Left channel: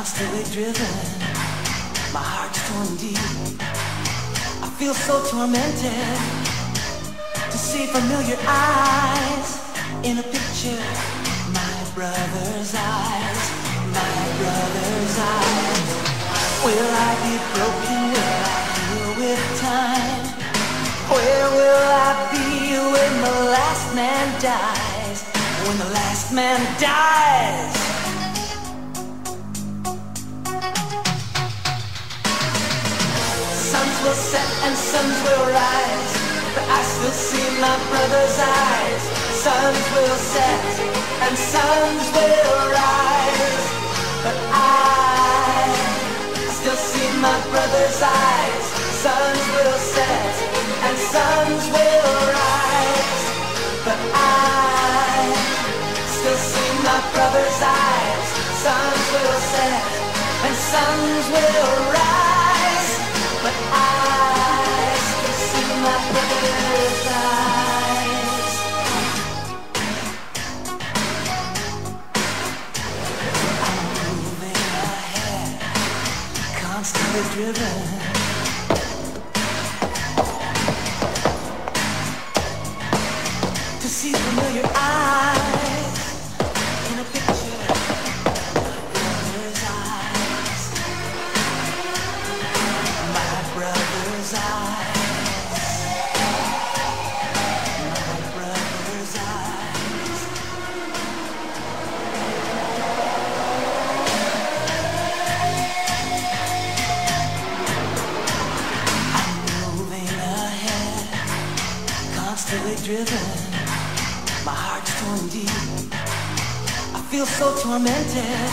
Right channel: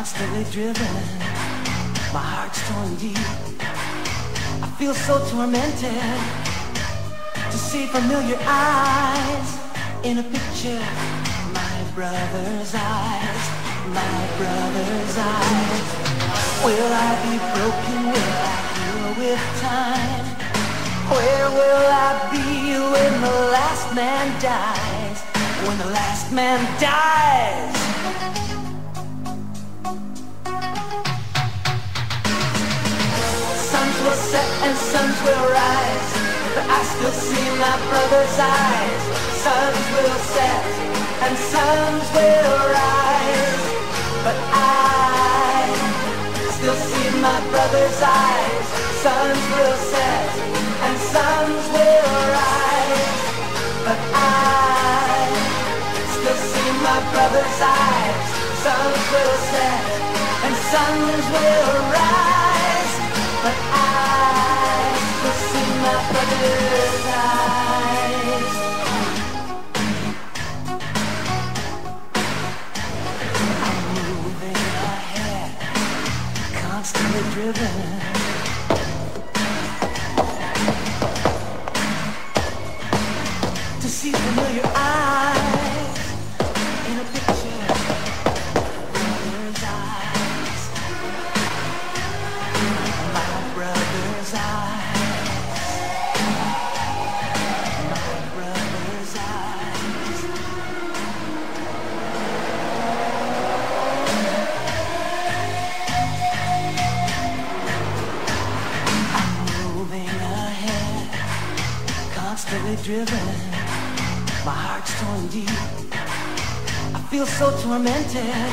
constantly driven. My heart's torn deep. I feel so tormented to see familiar eyes in a picture. My brother's eyes, my brother's eyes. Will I be broken? Will I heal with time? Where will I be when the last man dies? When the last man dies. Suns will set and suns will rise, but I still see my brother's eyes. Suns will set and suns will rise, but I still see my brother's eyes. Suns will set and suns will rise, but I still see my brother's eyes. Suns will set and suns will rise, but I still see my brother's eyes. I'm moving ahead, constantly driven to see familiar eyes in a picture. Brother's eyes, my brother's eyes, my brother's eyes. I'm moving ahead, constantly driven. My heart's torn deep. I feel so tormented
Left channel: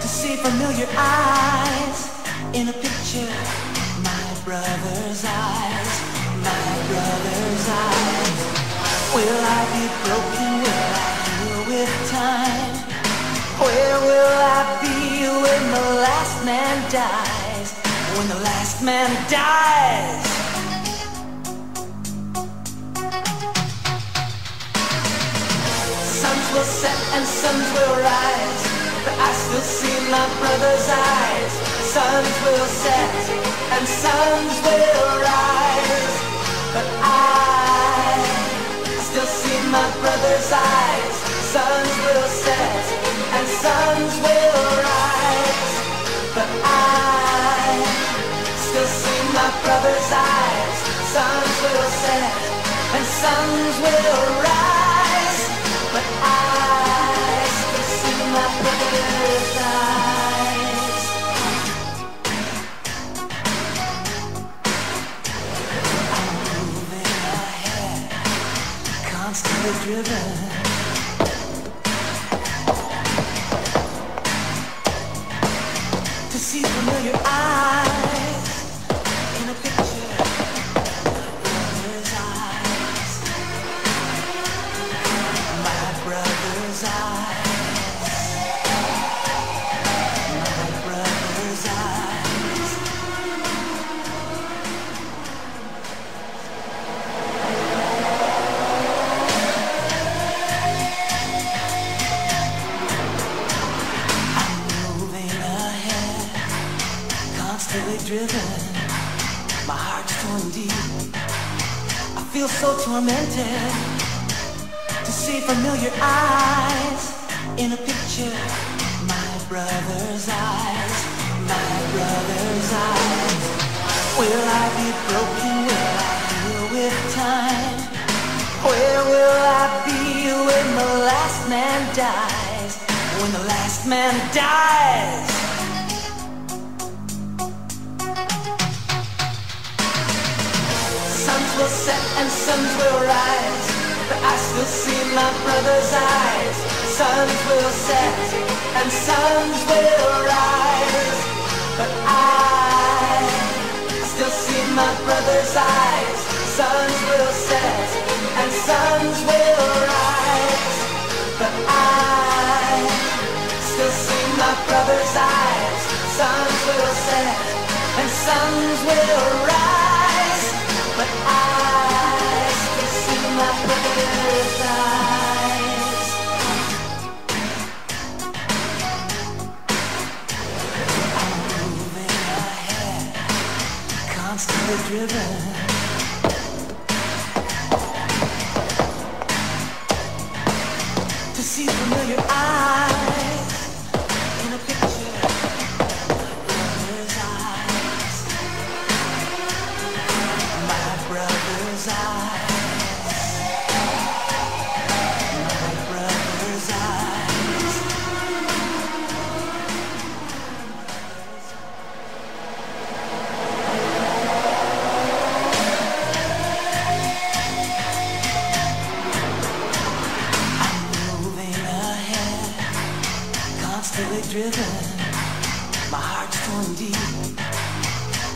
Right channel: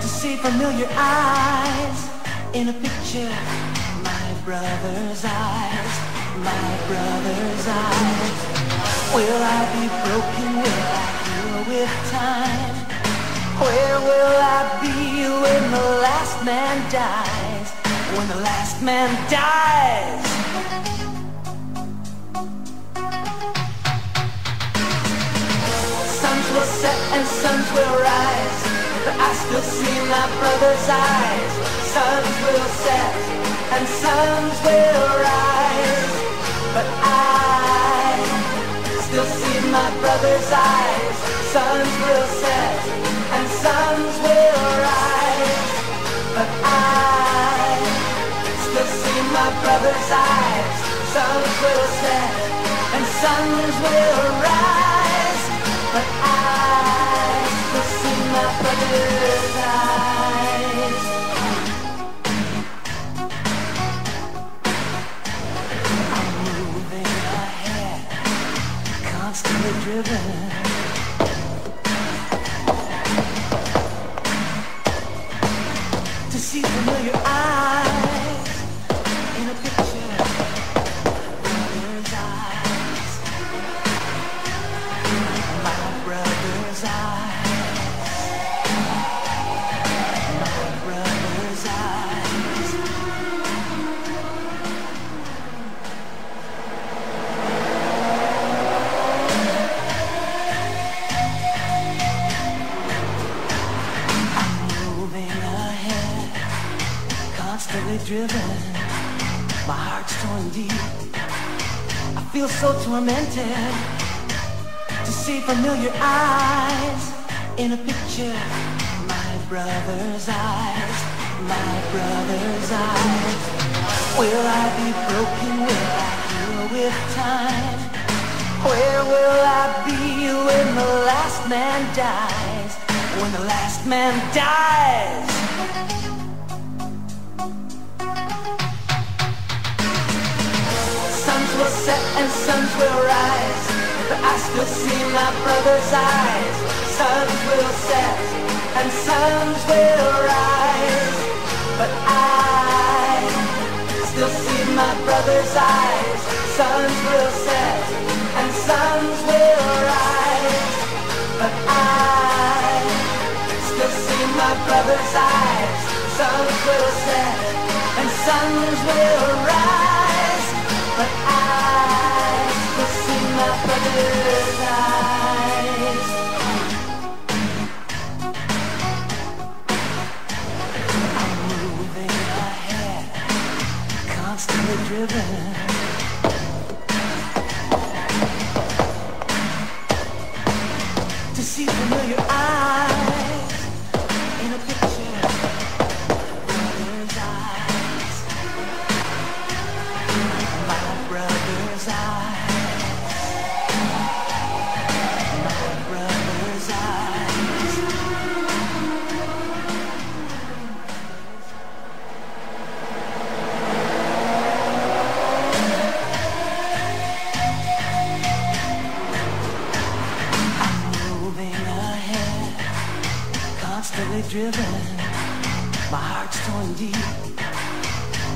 to see familiar eyes in a picture. My brother's eyes, my brother's eyes. Will I be broken? Will I heal with time? Where will I be when the last man dies? When the last man dies. Suns will set and suns will rise, but I still see my brother's eyes. Suns will set and suns will rise, but I still see my brother's eyes. Suns will set and suns will rise, but I still see my brother's eyes. Suns will set and suns will rise, but I still see my brother's eyes. I'm moving ahead, constantly driven to see familiar eyes in a picture. Brother's eyes, my brother's eyes, my brother's eyes. I'm moving ahead, constantly driven. My heart's torn deep. I feel so tormented to see familiar eyes in a picture. My brother's eyes, my brother's eyes. Will I be broken? Will I heal with time? Where will I be when the last man dies? When the last man dies. Suns will set and suns will rise, but I still see my brother's eyes. Suns will set and suns will rise, but I still see my brother's eyes. Suns will set and suns will rise, but I still see my brother's eyes. Suns will set and suns will rise, but I still see my brother's eyes. constantly driven to see familiar eyes in a picture, brother's eyes, my brother's eyes, my brother's eyes. Constantly driven, my heart's torn deep.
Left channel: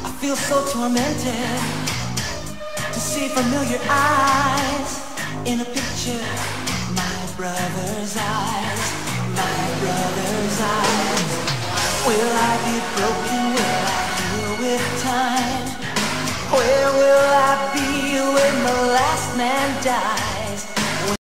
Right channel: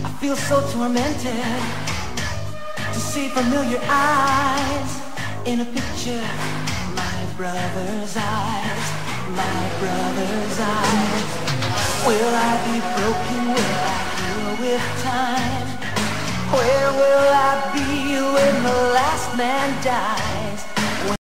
I feel so tormented to see familiar eyes in a picture. My brother's eyes, my brother's eyes. Will I be broken? Will I heal with time? Where will I be when the last man dies?